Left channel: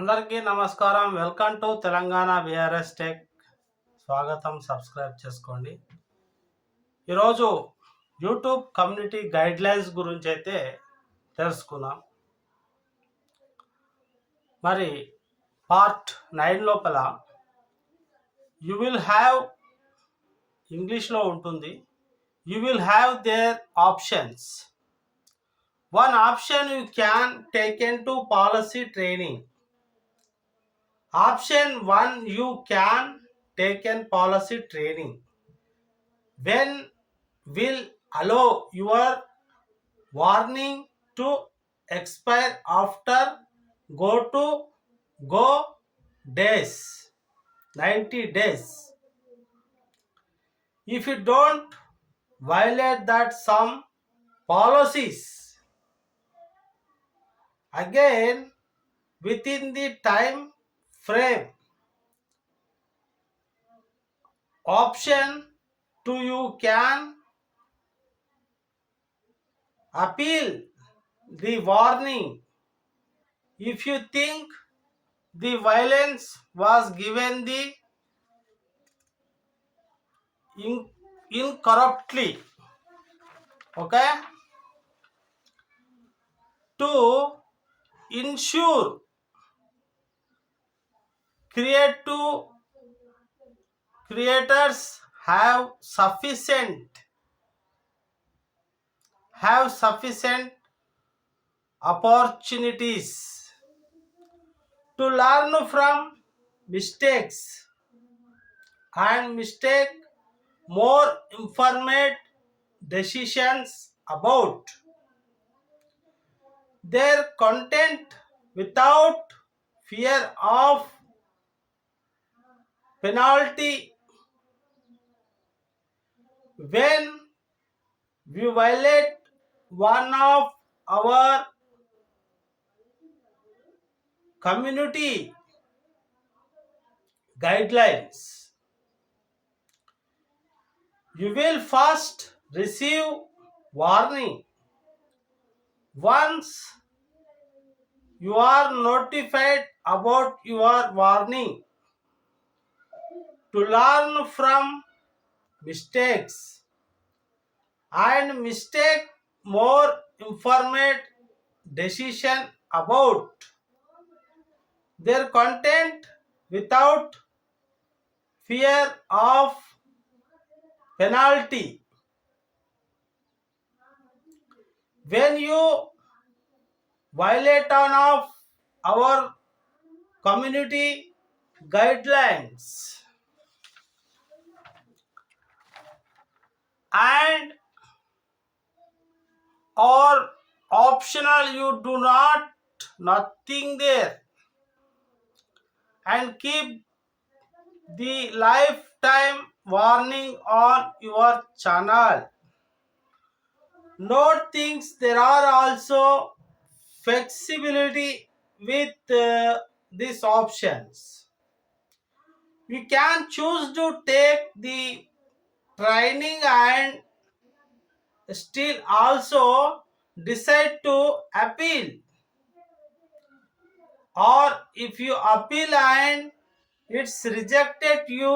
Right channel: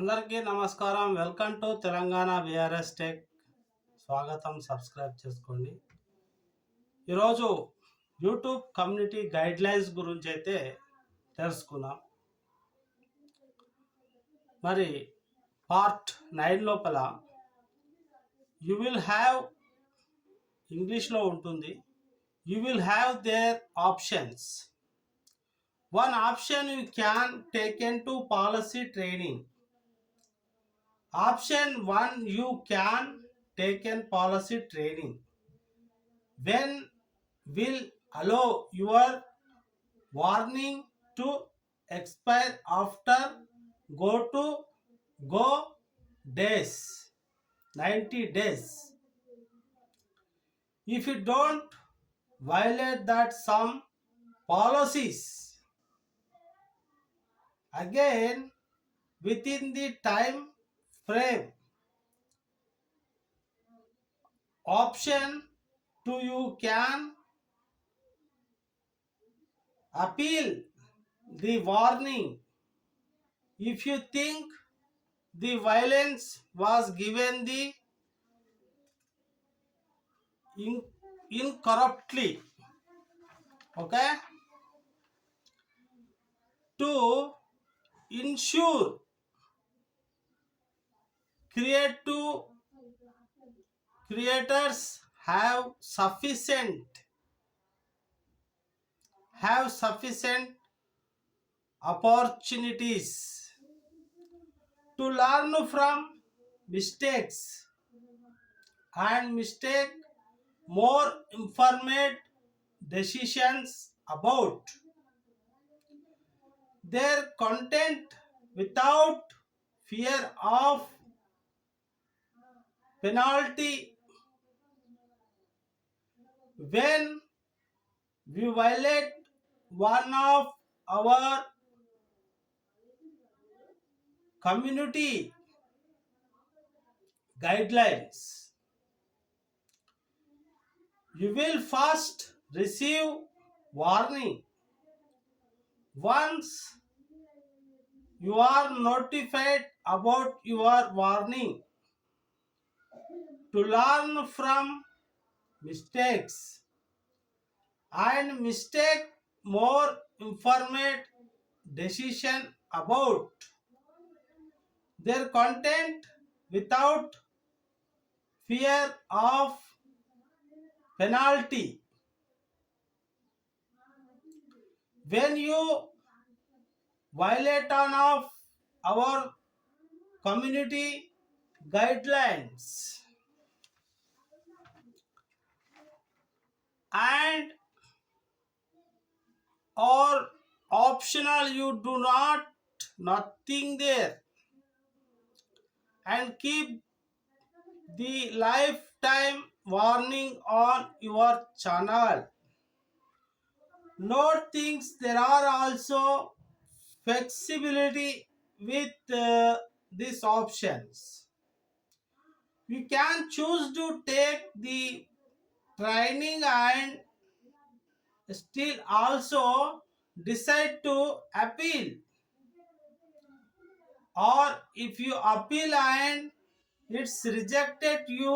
అందరికీ నమస్కారం. Welcome to Telangana VRS tech. స్వాగతం. సబ్స్క్రైబ్ చేసుకోండి. ఈరోజు యూట్యూబ్ కమ్యూనిటీ గైడ్లైన్స్ గురించి అయితే తెలుసుకుందాం. మరి పార్ట్ 9 లోపల యు విల్ హ్యావ్ ఇంగ్లీష్లో ఉంటుంది. You will have their options. One option you can take into policy training. Option 1 you can take in policy training. When will allow your warning to expire after go days 90 days. If you don't violate that some policies again within the time frame, option 2 you can appeal the warning. If you think the violence was given the incorrectly, okay, to ensure creators have sufficient opportunities to learn from mistakes and make more informed decisions about their content without fear of penalty. When we violate one of our community guidelines, you will first receive warning. Once you are notified about your warning, to learn from mistakes and make more informed decision about their content without fear of penalty. When you violate one of our community guidelines and or optional, you do nothing there and keep the lifetime warning on your channel. Note things, there are also flexibility with these options. You can choose to take the training and still also decide to appeal, or if you appeal and it's rejected, you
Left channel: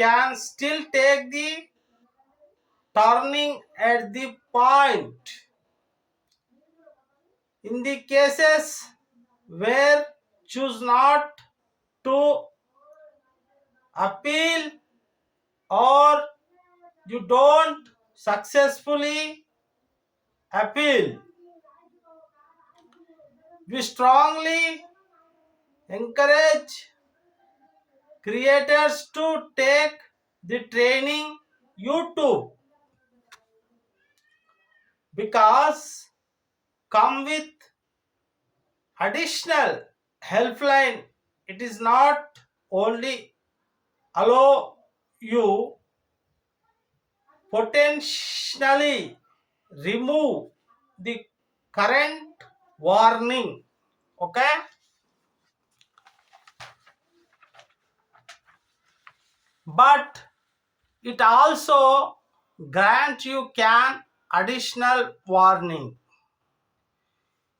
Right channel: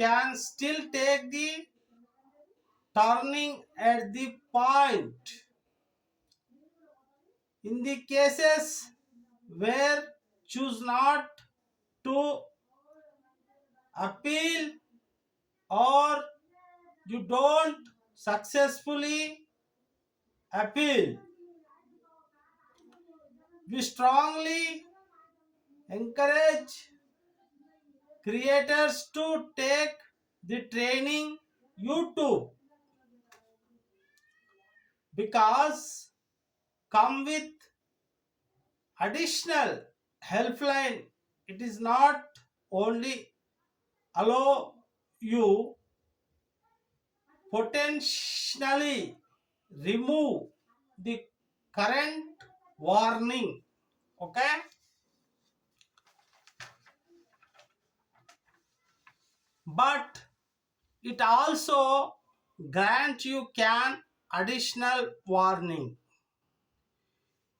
can still take the turning at the point. In the cases where choose not to appeal or you don't successfully appeal, we strongly encourage creators to take the training YouTube, because come with additional helpline. It is not only allow you potentially remove the current warning, okay, but it also grant you can additional warning.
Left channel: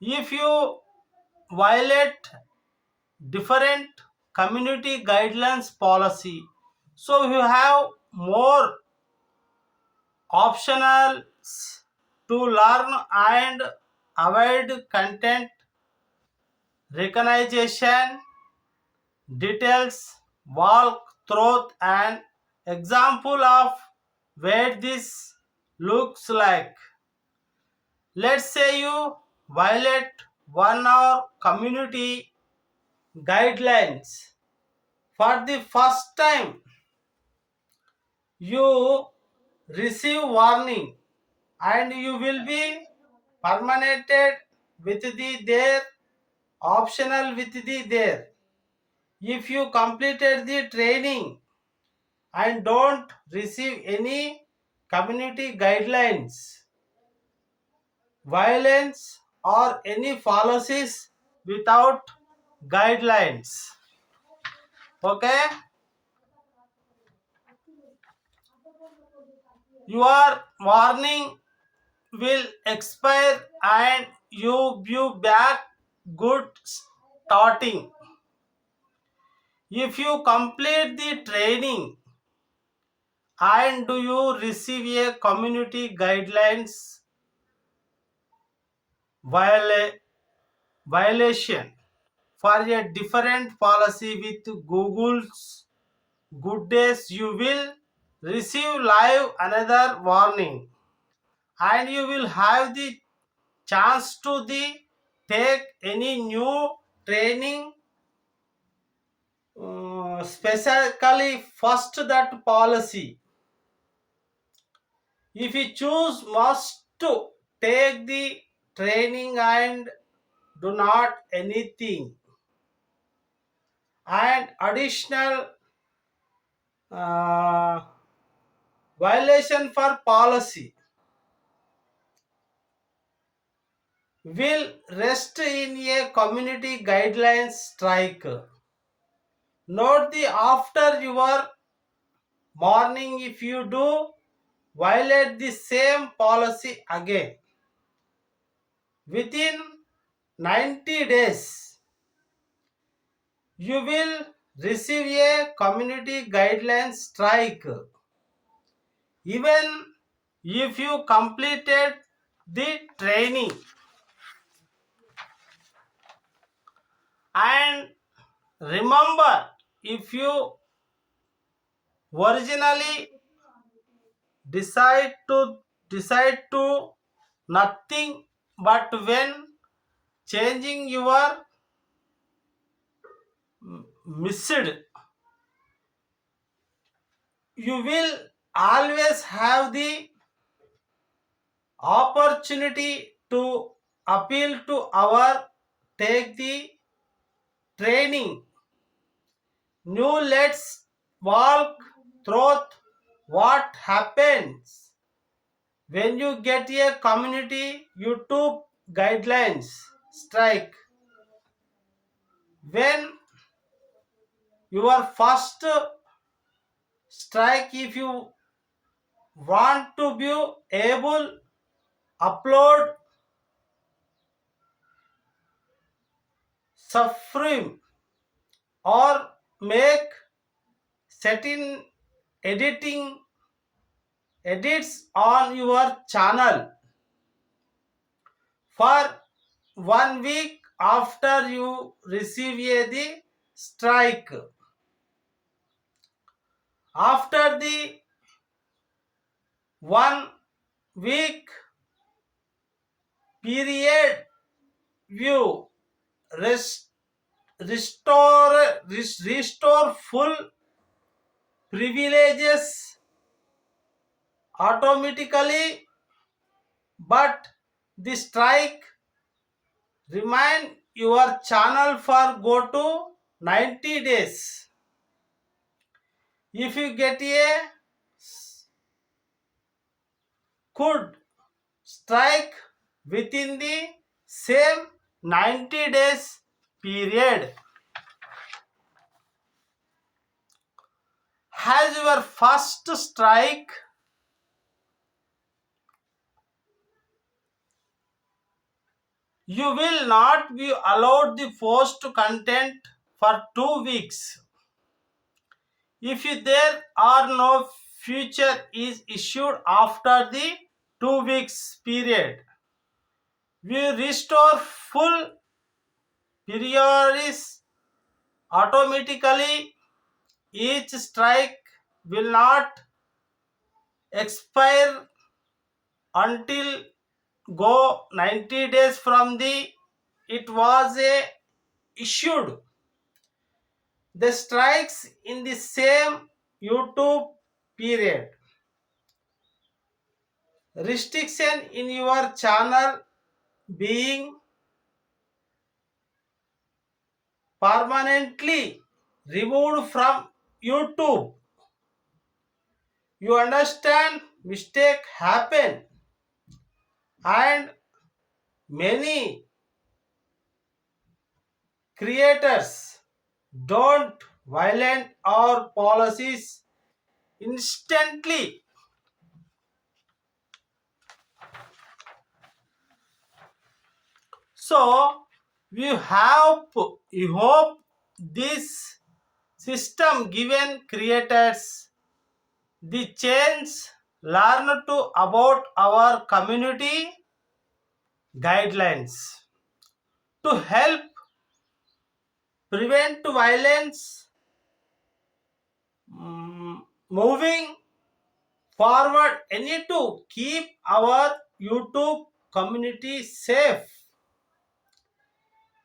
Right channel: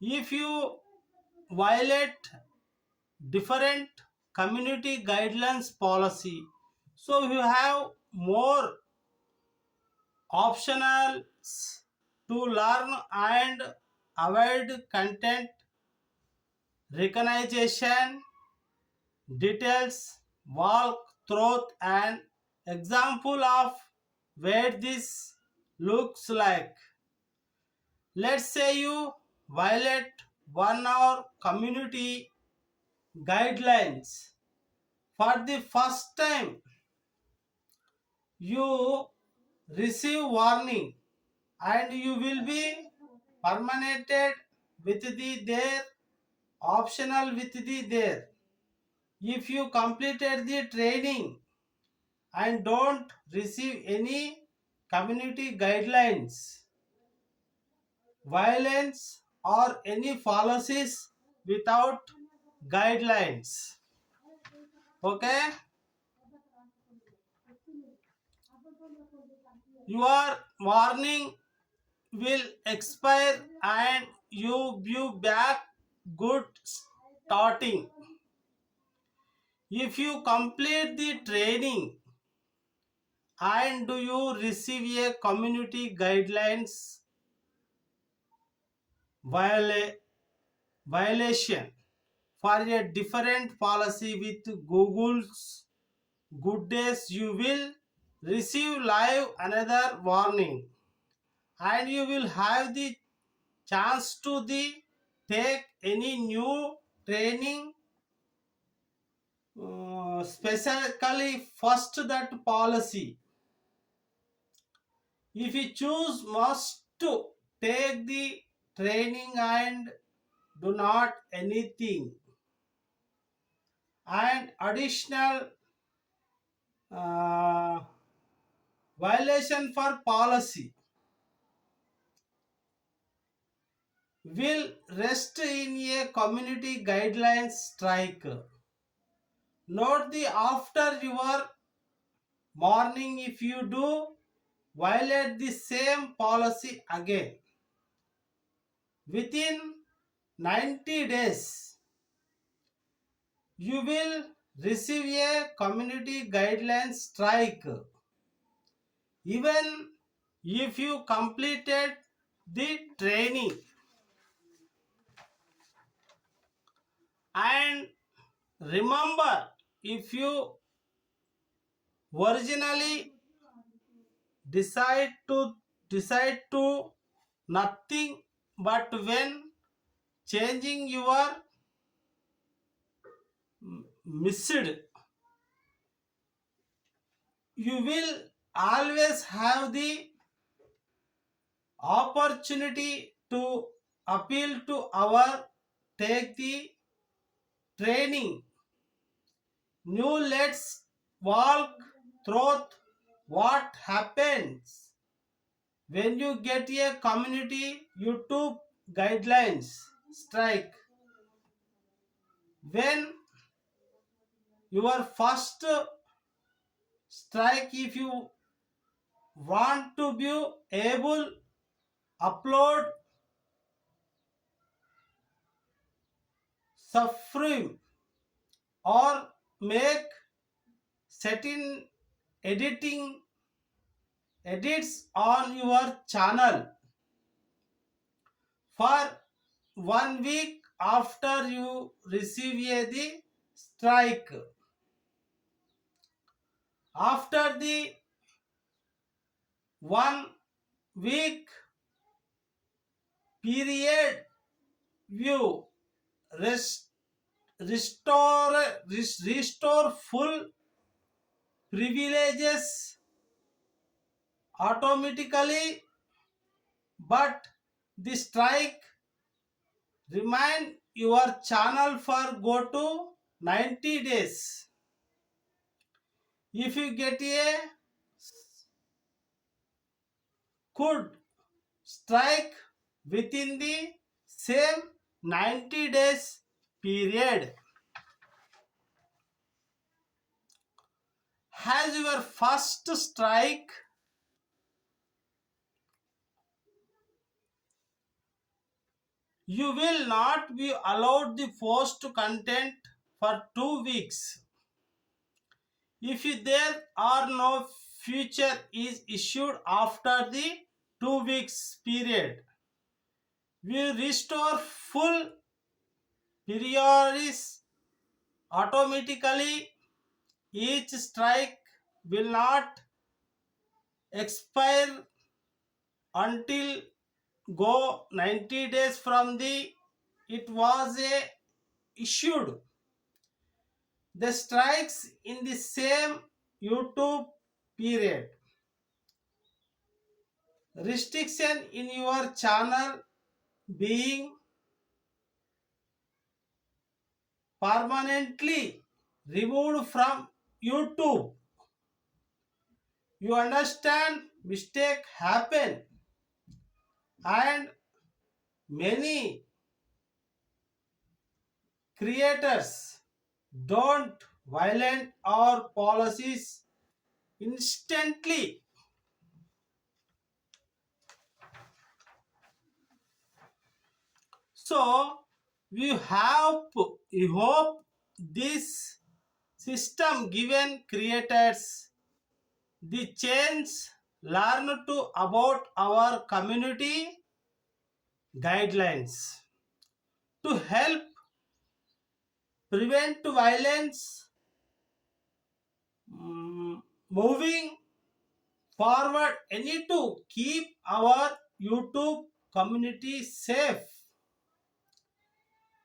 If you violate different community guidelines policy. So you have more optionals to learn and avoid content recognition details, walk through an example of where this looks like. Let's say you violate one or community guidelines for the first time. You receive warning and you will be permanented with the there, optional with the there. If you completed the training and don't receive any community guidelines, violence, or any policies without guidelines. Okay, your warning will expire and you back good starting. If you complete the training and do you receive a community guidelines viola- violation for a different policy with Google's good days, you will receive live another warning and you will have the chance to the take any new training, specifically first that policy. If you choose must to take the training and do not anything and additional uh, violation for policy will rest in a community guidelines strike. Note the after your morning if you do violate the same policy again within 90 days you will receive a community guidelines strike even if you completed the training. And remember, if you originally decide to nothing, but when changing your missed, you will always have the opportunity to appeal to our take the training. New, let's walk through what happens when you get a community YouTube guidelines strike. When your first strike, if you want to be able upload suffering or make certain editing edits on your channel for 1 week after you receive the strike. After the 1 week period, you rest, restore full privileges automatically, but the strike remain your channel for go to 90 days. If you get a could strike within the same 90 days period has your first strike, you will not be allowed the post content for 2 weeks. If there are no future is issued after the 2 weeks period, we restore full periods automatically. Each strike will not expire until go 90 days from the it was issued. The strikes in the same YouTube period. Restriction in your channel being permanently removed from YouTube. You understand? Mistake happen, and many creators don't violate our policies instantly. So we hope this system given creators the chance learn to about our community guidelines to help prevent violence. Moving forward, I need to keep our YouTube community safe.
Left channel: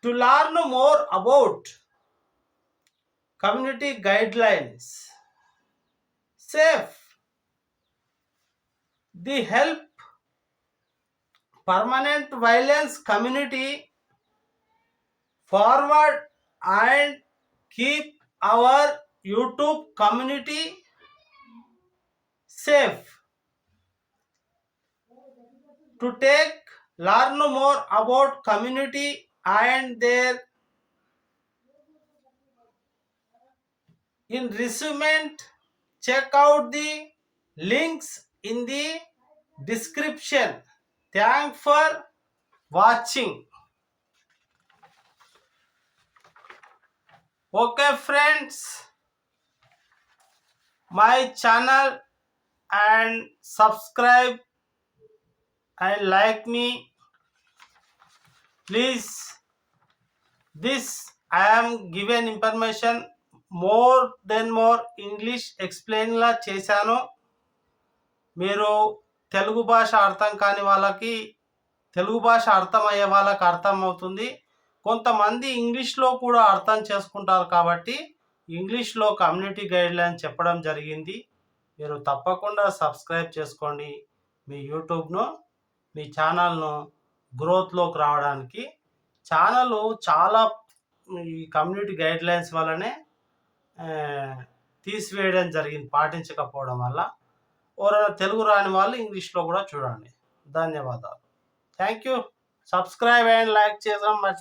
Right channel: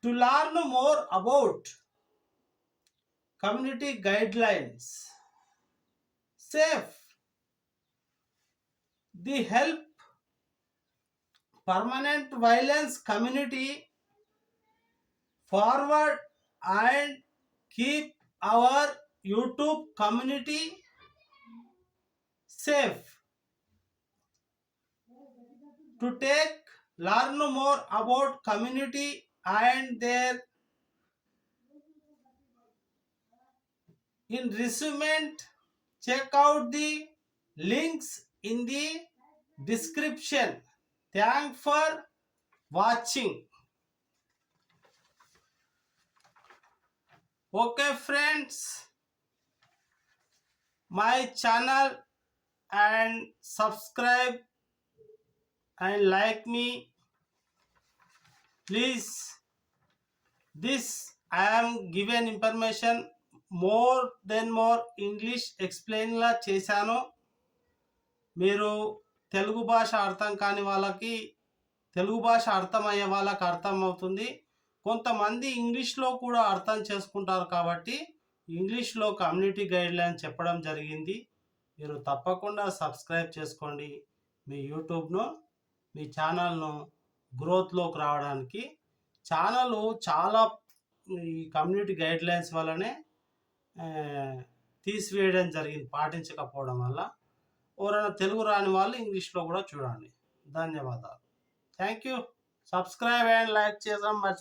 To learn more about community guidelines, safe, the help permanent violence community forward and keep our YouTube community safe. To learn more about community and their in resume, check out the links in the description. Thanks for watching. Okay friends, my channel and subscribe and like me please. This I am given information more English explain లా చేశాను. మీరు తెలుగు భాష అర్థం కాని వాళ్ళకి తెలుగు భాష అర్థమయ్యే వాళ్ళకి అర్థం అవుతుంది. కొంతమంది ఇంగ్లీష్లో కూడా అర్థం చేసుకుంటారు కాబట్టి ఇంగ్లీష్లో కమ్యూనిటీ గైడ్లైన్ చెప్పడం జరిగింది. మీరు తప్పకుండా సబ్స్క్రైబ్ చేసుకోండి మీ యూట్యూబ్ను, మీ ఛానల్ను గ్రోత్లోకి రావడానికి. ఛానల్ చాలా ఈ కమ్యూనిటీ గైడ్లైన్స్ వల్లనే తీసివేయడం జరిగింది పాటించకపోవడం వల్ల. ఎవరైనా తెలుగు రాని వాళ్ళు ఇంగ్లీష్లో కూడా చూడండి. ధన్యవాదాలు. Thank you. Subscribe and like చేయడం మర్చిపోకండి.